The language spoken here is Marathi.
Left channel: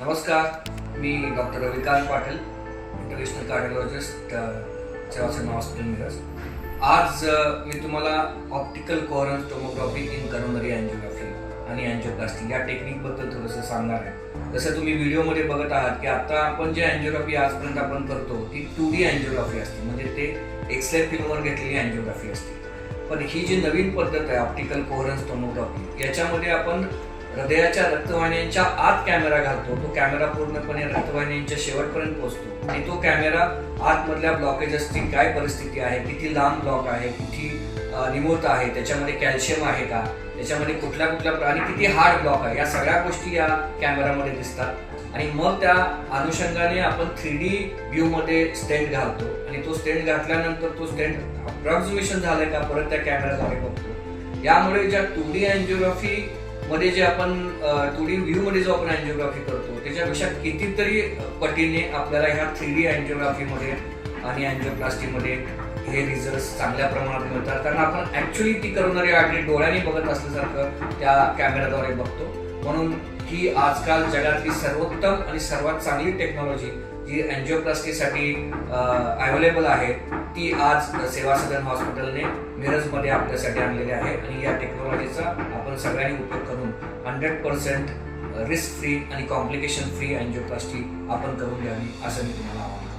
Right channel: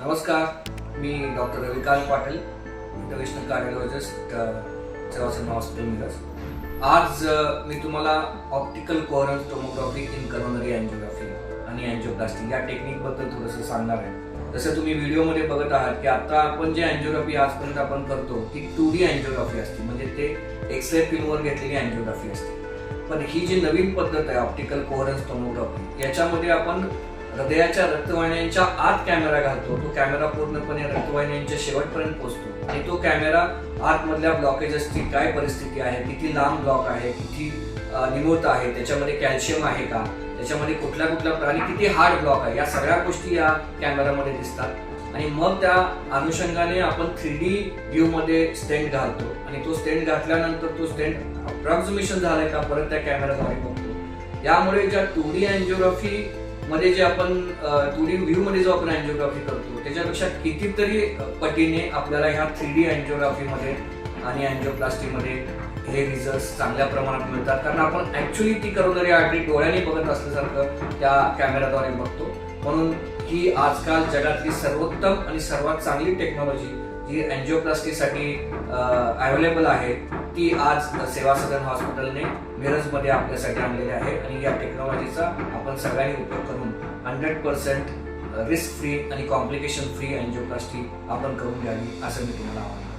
नमस्कार मी doctor Ravikant Patil international cardiologist Sevasangh hospital Miraj. आज मी तुम्हाला optical coherence tomography in coronary angiography आणि अँजिओप्लास्टी या टेक्निकबद्दल थोडंसं सांगणार आहे. जसं तुम्ही व्हिडिओमध्ये बघत आहात की आता आपण जे अँजिओग्राफी आजपर्यंत आपण करतो ती टू डी अँजिओग्राफी असते. म्हणजे ते एक्सरे फिल्मवर घेतलेली अँजिओग्राफी असते. पण ही जी नवीन पद्धत आहे ऑप्टिकल कोहरन्स टोमोग्राफी याच्यामध्ये आपण हृदयाच्या रक्तवाहिन्यांच्या आत कॅमेरा घालतो. तो कॅमेरा पूर्णपणे रक्तवाहिन्यांच्या शेवटपर्यंत पोहोचतो. आणि तो कॅमेरा आतमधल्या ब्लॉकेजेसची काय परिस्थिती आहे किती लांब ब्लॉक आहे किती निमूर्त आहे त्याच्यामध्ये कॅल्शियम आहे का त्याच्यामध्ये कुठल्या कुठल्या प्राणी किती हार्ड ब्लॉक आहे या सगळ्या गोष्टी या कॅमेरामध्ये दिसतात. आणि मग त्या अनुषंगाने आपण थ्री डी व्ह्यूमध्ये स्टेंट घालतो. आणि तो स्टेंट घातल्यानंतर तो स्टेंट अप्रॉक्झिमेशन झालाय का परत त्या कॅमेराद्वारे बघतो. यामुळे ज्या टू डी अँजिओग्राफी मध्ये जे आपण टू डी व्ह्यू मध्ये जो आपण अँजिओग्राफी करतो त्याच्यापेक्षा कितीतरी पटीने आपल्याला ह्या थ्री डी अँजिओग्राफी मध्ये आणि अँजिओप्लास्टी मध्ये हे रिझल्ट चांगल्या प्रमाणात मिळतात. कारण आपण ऍक्च्युली ती करणारी आर्टरी डोळ्याने बघत असल्यासारखं त्या कॅमेराद्वारे बघतो. म्हणून ही आजकाल जगातली सर्वोत्तम आणि सर्वात चांगली टेक्नॉलॉजी जी अँजिओप्लास्टीसाठी अवेलेबल आहे ती आज सेवा सदन हॉस्पिटलने मिरजमध्ये आपल्यासाठी आणलेली आहे आणि या टेक्नॉलॉजीचा आपण सगळ्यांनी उपयोग करून हंड्रेड पर्सेंट रिस्क फ्री आणि कॉम्प्लिकेशन फ्री अँजिओप्लास्टी आपण करून घ्यावी असं मी तुम्हाला आवाहन